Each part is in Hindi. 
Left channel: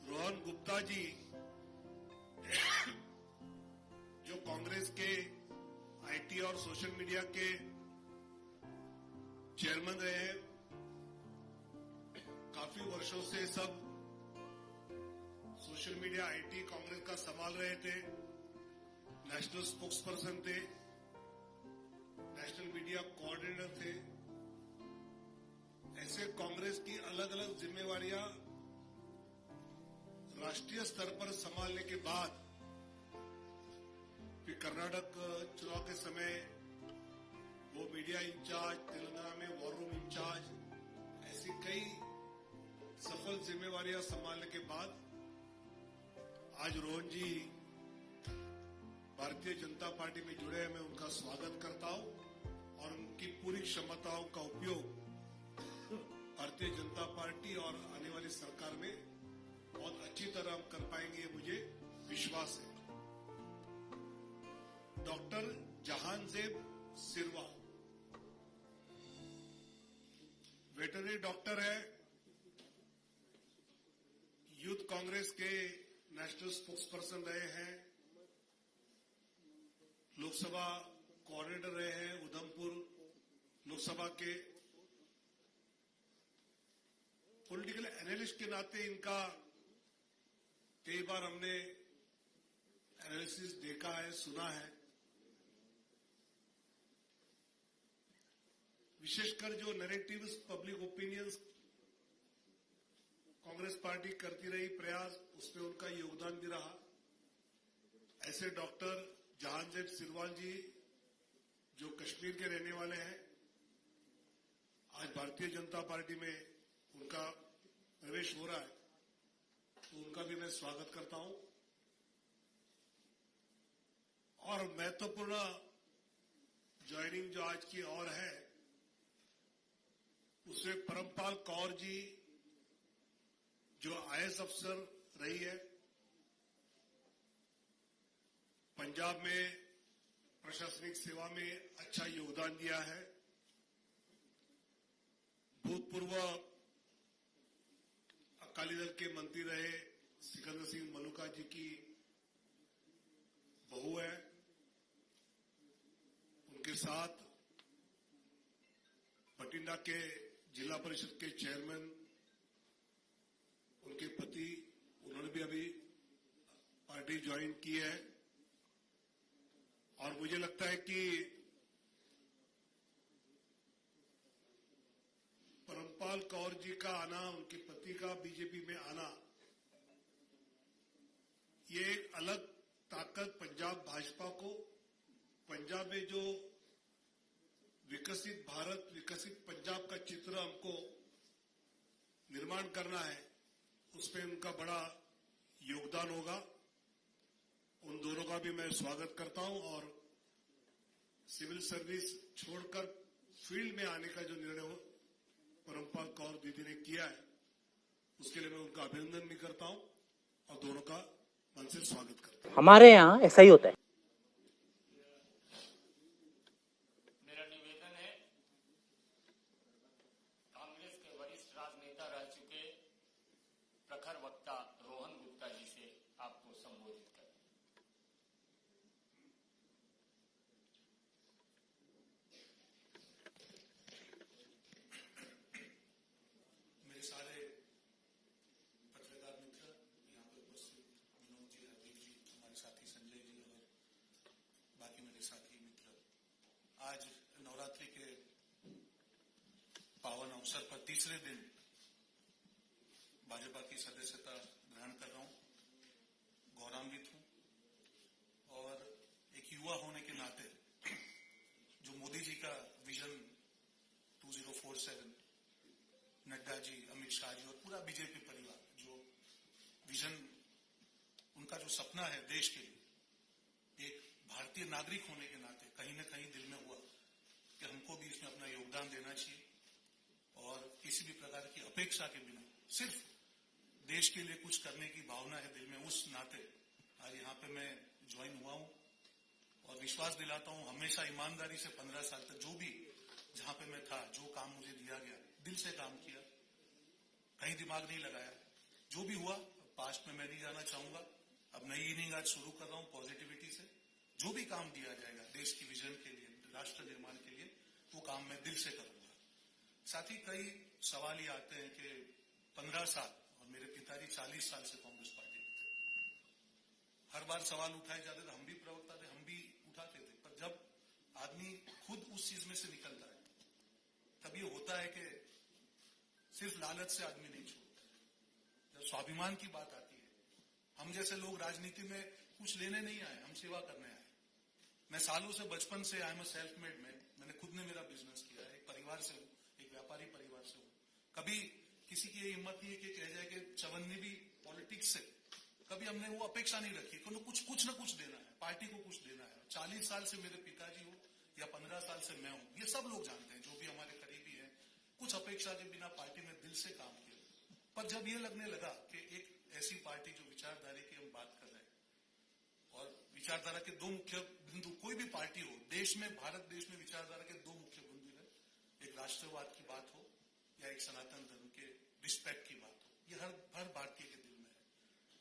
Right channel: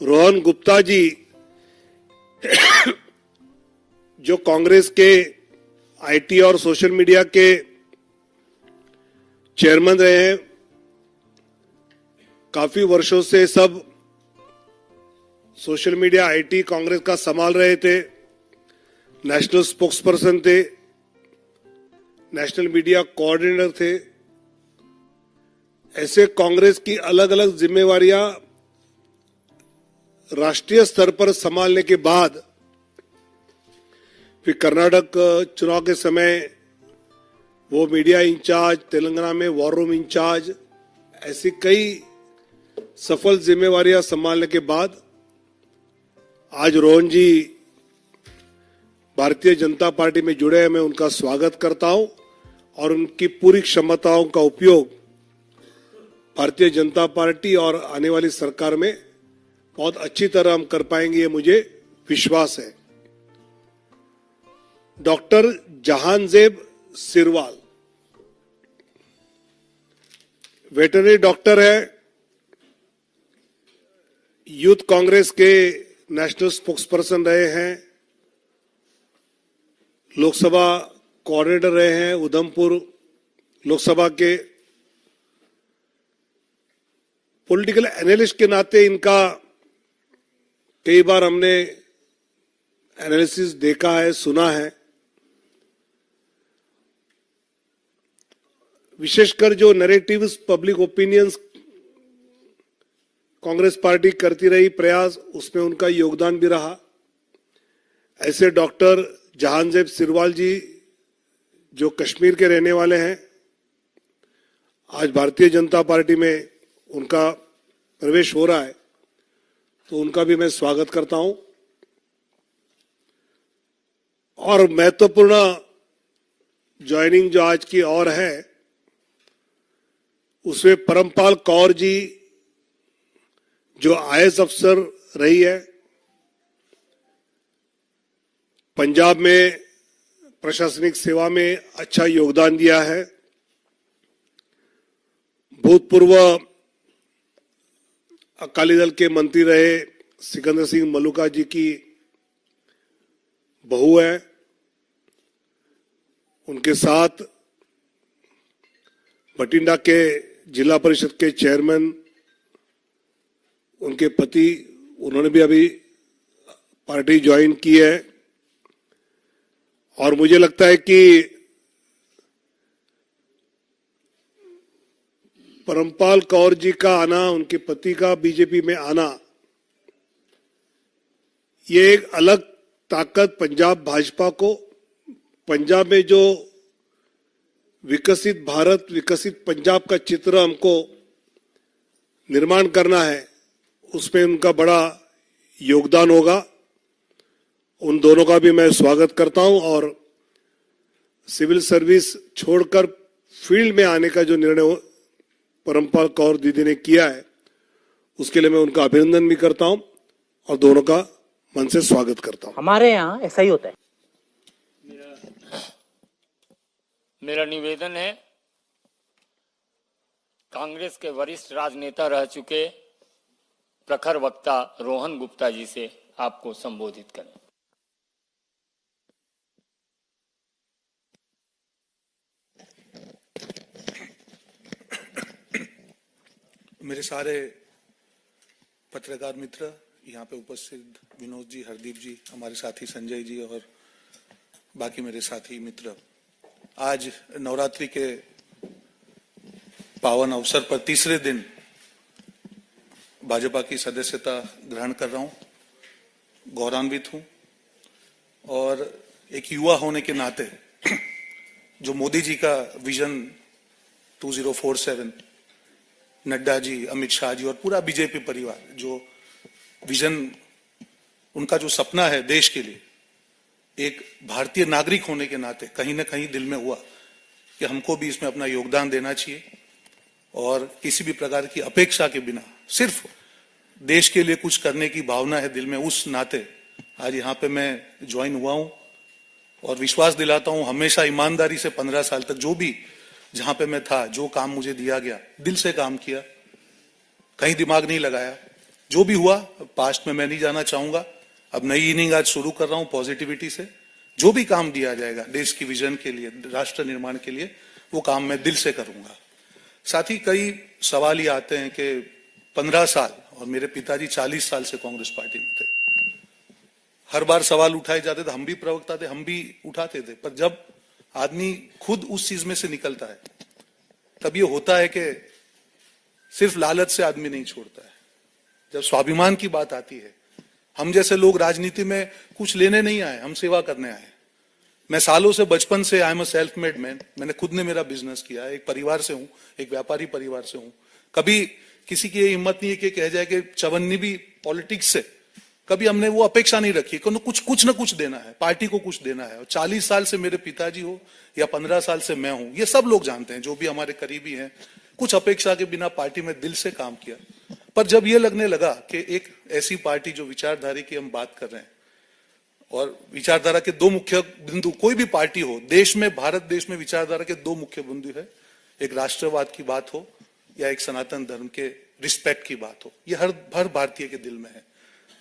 रोहन गुप्ता जी जो कांग्रेस के आईटी और सोशल मीडिया के चेयरमैन रहे हैं, काफी वर्षों से सब सोशल मीडिया आईटी कांग्रेस का संभाल रहे थे, नेशनल स्पोक्सपर्सन थे, नेशनल मीडिया कोऑर्डिनेटर थे। ऐसे कांग्रेस की अलग अलग जिम्मेवारियां राष्ट्रीय स्तर पर संभालने के बाद फिर कर्नाटक चुनाव के समय वो मीडिया इंचार्ज, तेलंगाना में वॉर रूम इंचार्ज, ऐसी कई सफल जिम्मेवारियां संभालने के बाद आज रोहन जी भारतीय जनता पार्टी में जुड़े हैं। मैं उनका स्वागत करता हूं और उनकी पूरी क्षमताओं का उपयोग भारतीय जनता पार्टी और आने वाली सरकार में बहुत अच्छी तरह हम कर पाएंगे, ये मुझे विश्वास है। Doctor Jahanzeb Sirwal veterinary doctor है, यूथ कांग्रेस के नेशनल स्पोक्सपर्सन रहे हैं, लोकसभा कोऑर्डिनेटर रहे हैं उधमपुर लोकसभा के। पॉलिटिकल एनालिस्ट के नाते इनका कई बार हमने एनालिसिस देखा है, सुना है। विशेषकर जो narratives, public opinions Congress party करती रही प्रयास, उसमें उनका योगदान भी रहा। ऐसे डॉक्टर जहांजेब सिरवाल जी जो कश्मीर के रहने वाले हैं, आज भारतीय जनता पार्टी में उनका प्रवेश हो रहा है, तो उनका भी मैं स्वागत करता हूं। और महत्वपूर्ण ज्वाइनिंग जो आज की और है, उसमें परमपाल कौर जी जो आईएएस अफसर रही है, पंजाब में प्रशासनिक सेवा में अच्छा योगदान दिया है, भूतपूर्व अकाली दल के मंत्री रहे सिकंदर सिंह मलूका जी की बहू है, उनके साथ बठिंडा के जिला परिषद के चेयरमैन, उनके पति, उन्होंने भी अभी पार्टी ज्वाइन की है। और मुझे लगता है कि परमपाल कौर जी का आना, उनके पति का बीजेपी में आना, ये एक अलग ताकत पंजाब भाजपा को, पंजाब में जो विकसित भारत, विकसित पंजाब का चित्र हमको निर्माण करना है, उसमें उनका बड़ा योगदान होगा। उन दोनों का भी मैं स्वागत करता हूं और सिविल सर्विस छोड़कर फील्ड में आने का जो निर्णय परमपाल कौर दीदी ने किया है, उसके लिए मैं उनका अभिनंदन भी करता हूं और दोनों का मन से स्वागत करता हूं। हमारे यहाँ ऐसा ही होता है। मेरा निवेदन है, कांग्रेस के वरिष्ठ राजनेता रह चुके प्रखर वक्ता रोहन गुप्ता जी से आपको संबोधित करें। मेरे सारे पत्रकार मित्र, यहाँ पे उपस्थित विनोद जी, हरदीप जी, हमारे साथी संजय जी और बाकी मेरे साथी मित्र, आज नवरात्रि के पावन अवसर पर तीसरे दिन भाजपा की सदस्यता ग्रहण कर रहा हूँ। गौरवान्वित हूँ और एक युवा होने के नाते जो मोदी जी का विजन 2047, नड्डा जी, अमित शाह जी और पूरा बीजेपी परिवार, जो विजन, उनका जो सपना है देश के लिए, एक भारतीय नागरिक होने के नाते कहीं ना कहीं दिल में हुआ कि हमको भी इसमें अपना योगदान देना चाहिए और किसी भी प्रकार की अपेक्षा के बिना सिर्फ देश के लिए कुछ करने की भावना है दिल में। उस नाते आज यहाँ पे मैं ज्वाइन हुआ हूँ और विश्वास दिलाता हूँ, हमेशा ईमानदारी से 15 साल तक जो भी जहां पे मैं था, जो काम मुझे दिया गया, दिल से काम किया, कहीं दिमाग नहीं लगाया। जो भी हुआ पास्ट में मैं नहीं जाना चाहूंगा। अब नई इनिंग आज शुरू कर रहा हूं पॉजिटिविटी से। जो भी काम दिया जाएगा देश की विजन के लिए, राष्ट्र निर्माण के लिए, वो काम मैं दिल से करूंगा। साथ ही कई सवाल ये आते हैं कि 15 साल, और मेरे पिताजी 40 साल से कांग्रेस पार्टी में थे, हर बार सवाल उठाए जाते थे, हम भी प्रवक्ता थे, हम भी उठाते थे, पर जब आदमी खुद उस चीज में से निकलता है तब ये होता है कि सिर्फ लालच से आदमी नहीं छोड़ता है। जब स्वाभिमान की बात आती है, हम जैसे लोग राजनीति में कुछ लेने नहीं आए, हम सेवा करने आए। मैं सालों से, बचपन से, I am a self made man, मैंने खुद ने मेरा बिजनेस किया है, एक परिवार से हूं, एक व्यापारी परिवार से हूं। कभी किसी की हिम्मत नहीं है कि कह जाए कि चवन्नी भी पॉलिटिक्स से, कभी हमने वो अपेक्षा नहीं रखी कि कुछ ना कुछ देना है, पार्टी को कुछ देना है। और 40 साल से मेरे पिताजी हो या 15 साल से मैं हूं, ये सब लोग जानते हैं, जो भी हमारे करीबी हैं, कुछ अपेक्षा के बिना पार्टी में दिल से काम किया। पर जब ये लगने लगा कि एक ऐसी पार्टी जो विचारधारा की हम बात कर रहे हैं, और विचारधारा के दो मुख्य बिंदु, कोई भी पार्टी हो देश में, भारत देश में विचारधारा के दो मुख्य बिंदु है, एक राष्ट्रवाद की बात हो या एक सनातन धर्म के रिस्पेक्ट की बात हो, ये हर भारतीय के दिल में है।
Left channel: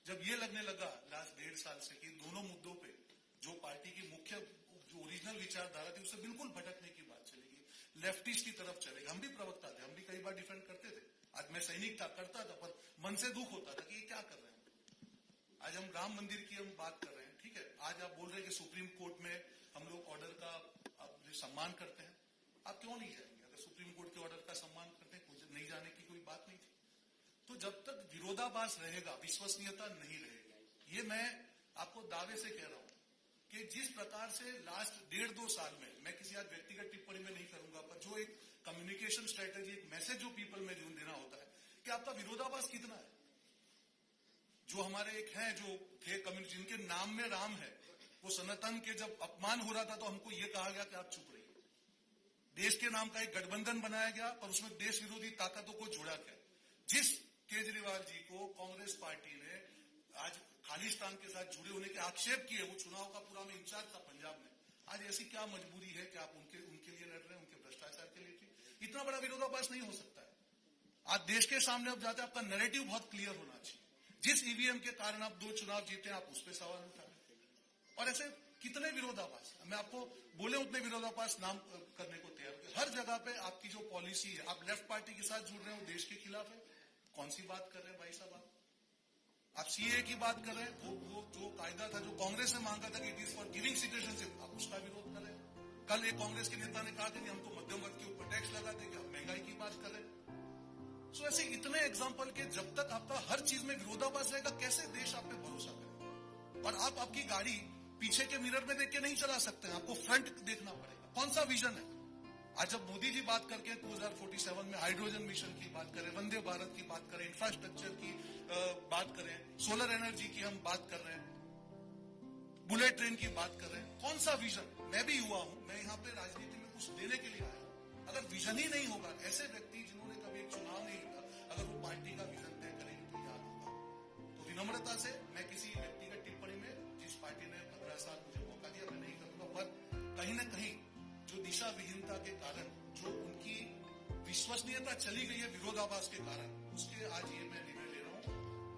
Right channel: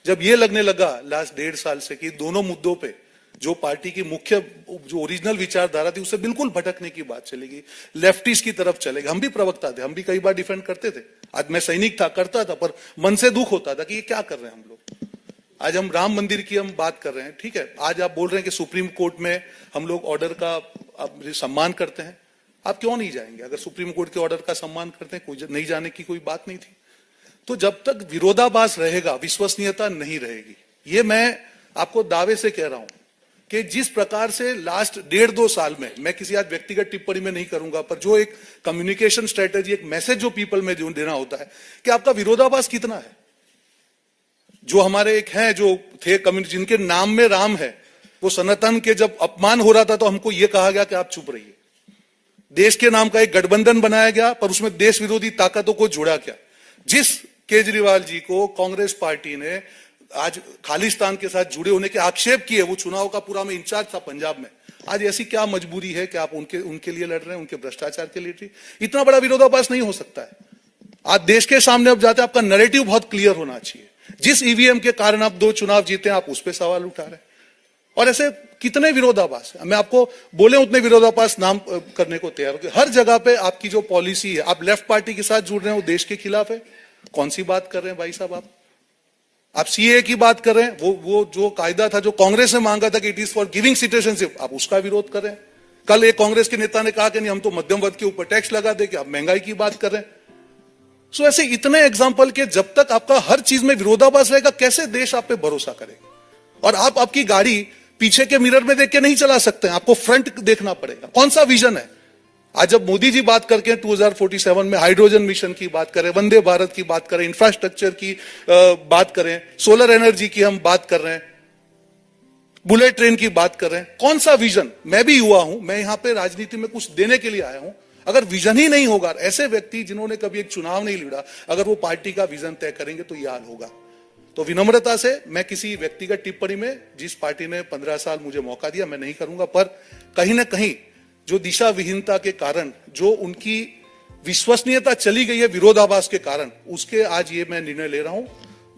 जब ये लगने लगा लास्ट 1.5 साल से कि दोनों मुद्दों पे जो पार्टी की मुख्य, जो ओरिजिनल विचारधारा थी, उससे बिल्कुल भटकने की बात चलेगी, लेफ्टिस्ट की तरफ चलेगी। हम भी प्रवक्ता थे, हम भी कई बार डिफेंड करते थे, आज मैं सैनिक था, करता था, पर मन से दुख होता था कि ये क्या कर रहे हैं हम लोग। आज हम राम मंदिर की हम बात कर रहे हैं, ठीक है, आज आप बोल रहे हैं कि सुप्रीम कोर्ट में हम लोग ऑर्डर का सम्मान करते हैं, आप क्यों नहीं जाएंगे? अगर सुप्रीम कोर्ट के ऑर्डर का सम्मान करते हैं, कोई नहीं जाने की कोई बात नहीं थी। तो जब तक विरोधाभास रहेगा, विश्वसनीयता नहीं रहेगी। ये मैं आपको दावे से कह रहा हूं कि जिस प्रकार से लास्ट 1.5-2 साल में, मैं किसी आज व्यक्तिगत टिप्पणी में नहीं करूंगा, पर जो एक कम्युनिकेशन स्ट्रेटेजी, एक मैसेज जो पीपल में जो देना होता है कि आपका विरोधाभास कितना है। जो हमारे एक हैं, जो थे कम्युनिटी, जिनके नाम में राम है, वो सनातन के जब अपमान हो रहा था तो हमको ये कहा गया कि आप चुप रहिए। देश के नाम का एक गठबंधन बनाया गया, पर उसमें देश विरोधी ताकतों को जोड़ा गया। जिस केजरीवाल जी को कांग्रेस पार्टी ने आज खालिस्तान के साथ जुड़े होने के आक्षेप किए, वो चुनाव का पूरा में इंचार्ज था पंजाब में, आज ऐसी क्या मजबूरी है कि आप उनके लिए लड़ रहे हैं, उनके भ्रष्टाचार के लिए? इतना बड़ा विरोधाभास नहीं हो सकता है। आज देश के सामने अब जाते, आपका नैरेटिव बहुत क्लियर होना चाहिए। जिस ईवीएम के कारण आप 2 चुनाव जीते हैं, आप उस पर सवाल उठा रहे हैं, और ऐसे कितने विरोधाभास है। मैं आपको बोले उतने विरोधाभास नाम करने को तैयार हूं। हर जगह पे आपकी जो पॉलिसी है, आप लेफ्ट पार्टी के साथ जुड़ रहे हैं, वो देश के खिलाफ है। कौन सी बात कर रहे हैं भाई साहब? आप सीए की बात कर रहे हैं, वो जो कायदा था, जो कांग्रेस ने मांगा था कि it is for giving citizenship, आप उसका विरोध कर रहे हैं। कल एक कांग्रेस के नेता ने कहा कि नहीं, हम तो मध्यम वर्ग के ऊपर टैक्स लगा दे, कि आप महंगाई की बात कर रहे हैं। सो ऐसे इतने एग्जाम्पल के जब तक आपका हर चीज में विरोधाभास रहेगा, कैसे देश आप पे भरोसा करेगा? और आप आपकी गाड़ी पीछे के मिरर में देख के नहीं चला सकते हैं, आपको फ्रंट देखना पड़ेगा। कौन सा विजन है? आज जब मोदी जी बात करके 2047 में हाइड्रोजन मिशन की बात करें, वंदे भारत की बात करें, इंफ्रास्ट्रक्चर की बात करें, सोलर एनर्जी की हम बात कर रहे हैं, बुलेट ट्रेन की बात कर रहे हैं, कौन सा विजन? मैं भी युवा हूं, मैं यहां पे राजनीति में कुछ देने के लिए आया हूं। अगर विजन ही नहीं होगा, ऐसे व्यक्ति जिन्होंने कभी एक चुनाव नहीं लड़ा, अगर वो पार्टी का विजन तय करेंगे तो ये हाल होगा। तो विनम्रता से मैं किसी व्यक्तिगत टिप्पणी में, जिस पार्टी ने 15 साल मुझे मौका दिया, मैं नहीं करूंगा, पर कहीं ना कहीं जो दिशा विहीनता के कारण, जो उनकी विश्वसनीयता चली गई है विरोधाभास के कारण, उसके आज ये मैं निर्णय ले रहा हूं।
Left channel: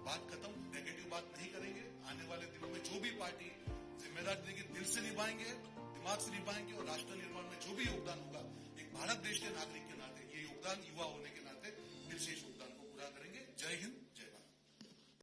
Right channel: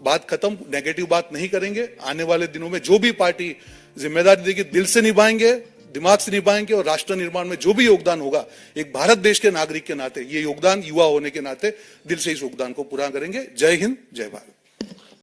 बात खत्म, नेगेटिव बात नहीं करेंगे। आने वाले दिनों में जो भी पार्टी जिम्मेदारी देगी, दिल से निभाएंगे, दिमाग से निभाएंगे, और राष्ट्र निर्माण में जो भी योगदान होगा, एक भारत देश के नागरिक के नाते, ये योगदान युवा होने के नाते दिल से इस योगदान को पूरा करेंगे। जय हिंद, जय भारत।